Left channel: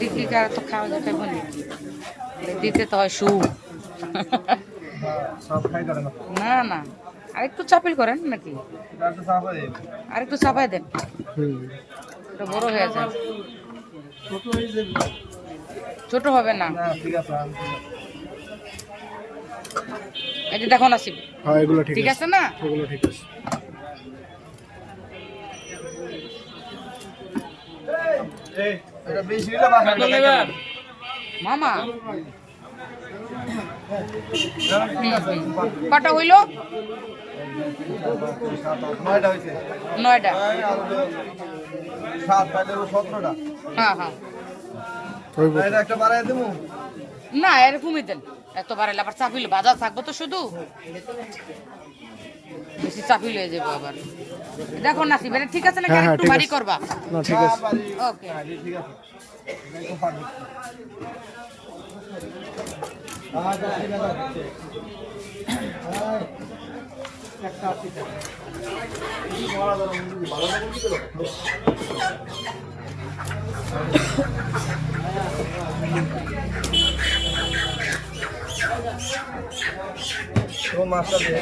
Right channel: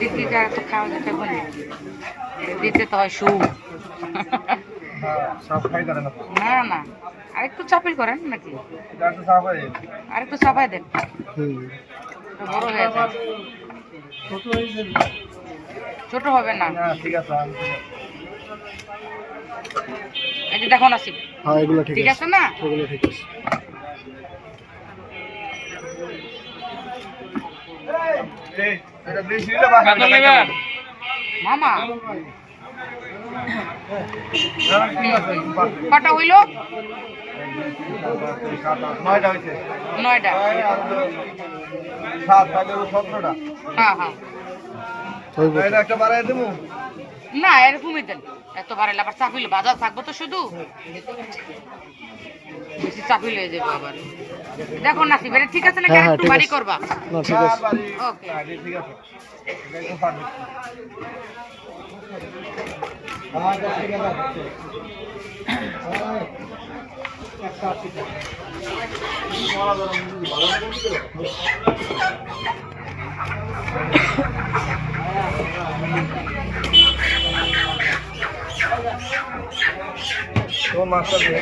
দিতে আর তো খাওয়া যেতে বলে দিতে তো হয় সুখ। সব খাই করে না না না আরেকটু চাপিল করেন নাকি গাছটা সাফ হয়ে যাবে। আরেকটু চাপাই দেন, একটু বড় হয়ে যায়। ছোট হয়ে যাবে ছোট হবে না। না ঠিক আছে এই যে দেখো নাসিব, হ্যাঁ এগুলো ঠিক আছে না? এগুলো ঠিক আছে। এটা বেশি নিলে বাসা মামা ঠিক আছে কটা হইলো? 9টা হয়েছে 9টা। 7 তাহলে 17টা হ্যাঁ হ্যাঁ এটা একটা বাড়াই দেবো না এরকমই দেন, এত বাড়াইলে আবার চাপিল বাজার থাকবো তো শুধু, বেশি চাপিল হয়ে যাবে আবার। দেখো নাসিব এটা ঠিক আছে নাকি হ্যাঁ, একটু ঠিক বাড়ি আছে। করবা? না ঠিক আছে। ওকে ঠিক আছে এটা পারফেক্ট তো মাছটা দিয়ে